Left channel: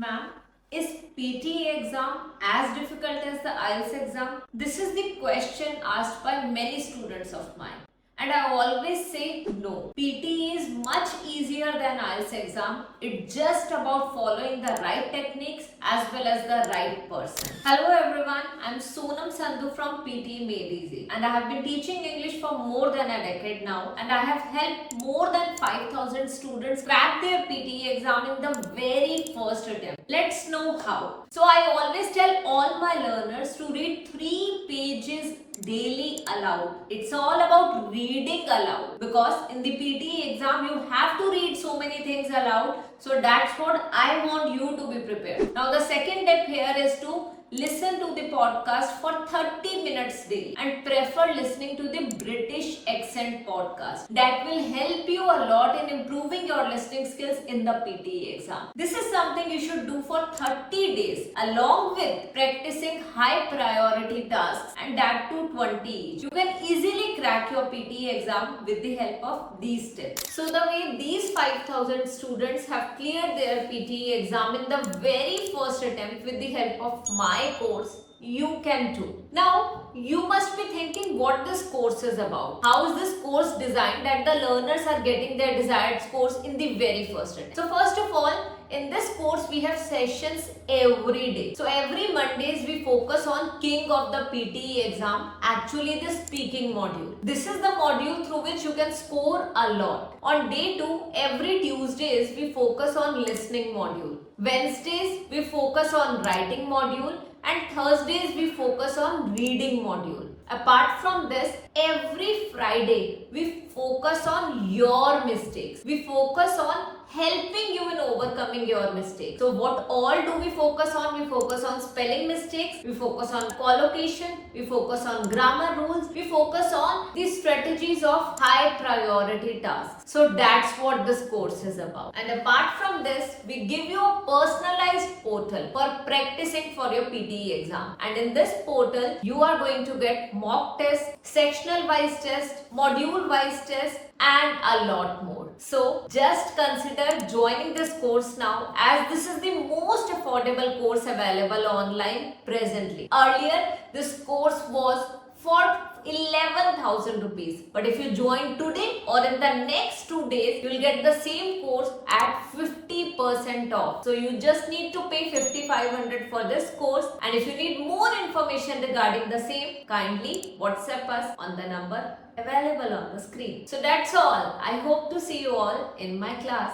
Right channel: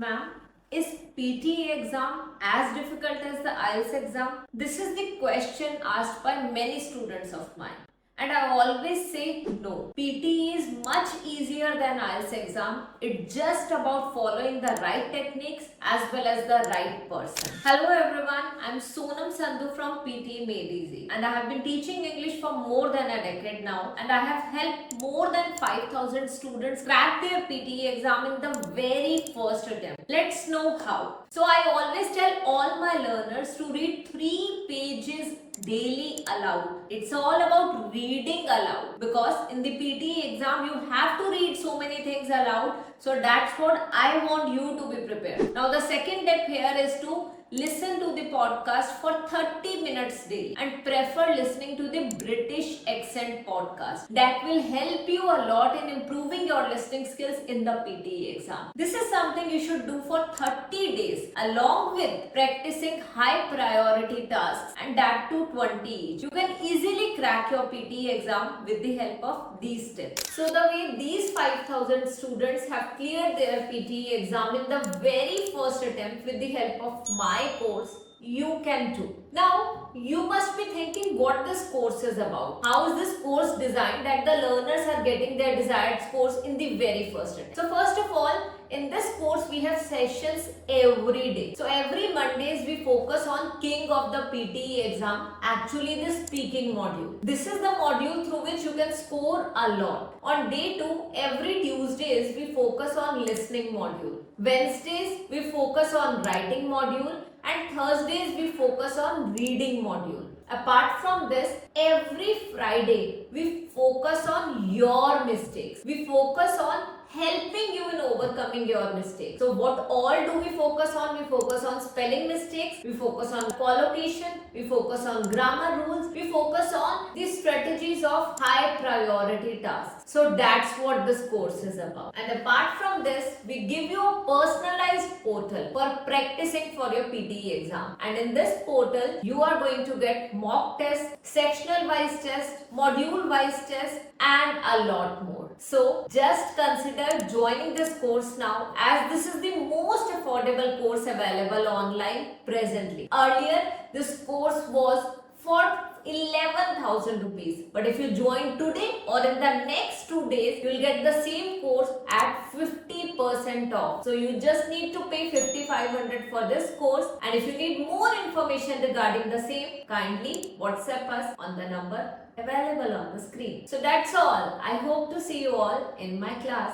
Ma'am, is PTE exam as difficult as the IELTS exam? This is the question asked by many students of mine. And I always say no. PTE is much easier than IELTS exam. It's just about following the right techniques as well as the right person. Hello everyone, I'm Sonam Sandhu from PTE Made Easy and I have been teaching English for more than a decade now and I have helped more than 5,000 students crack their PTE exam in the very first attempt. Let's know how. So I always tell all my learners to read 3 pages daily aloud. It's all about reading aloud because in the PTE exam you have to read so many things aloud. So that's what I want you to be prepared. Now the second step here is to listen to the podcast for 30 minutes daily and prefer listening to the British accent podcast. That will help you a lot in improving your listening skills in the PTE exam. This is something you should do for 30 days along with practicing high priority tasks and that too 20 each. You can easily crack your PTE exam with the help of these tips. So the way these 5,000 students have cleared their PTE exam in the very first attempt with the help of my course, you can too. Now, you must be thinking what this course is about. How is this course designed that the learners are getting their desired scores in the very first attempt? So first of all, in this course we have sessions every day. So every Mondays we focus on King of the PTE exam, actually the speaking module. This is the module through which you can score a lot. On day 2, every Tuesdays we focus on listening module. Wednesdays we focus on writing module and Thursdays we focus on reading module. Apart from this, every Friday we focus on your mistakes. We focus on helping you in overcoming your mistakes. So what all do we focus on? We focus on spelling mistakes, we focus on collocation, we focus on grammar rules, we focus on the strategies of high priority tasks. So that's what this course is about. And apart from this, we give you a personalized portal for practicing for your PTE exam. And in this portal, you are going to get mock tests, sectional wise tests, module wise tests, and a lot more. So just consider joining this course now as this is the most affordable course available online presently. Earlier, this course was for 11,000 rupees. But if you join today or in the next 2 days, you will get the same course at 50% off. So you just need to pay 5,500 for this course. And if you need more information regarding the same, kindly WhatsApp us on the number available on the screen. So that's all. I hope to see you all in my class.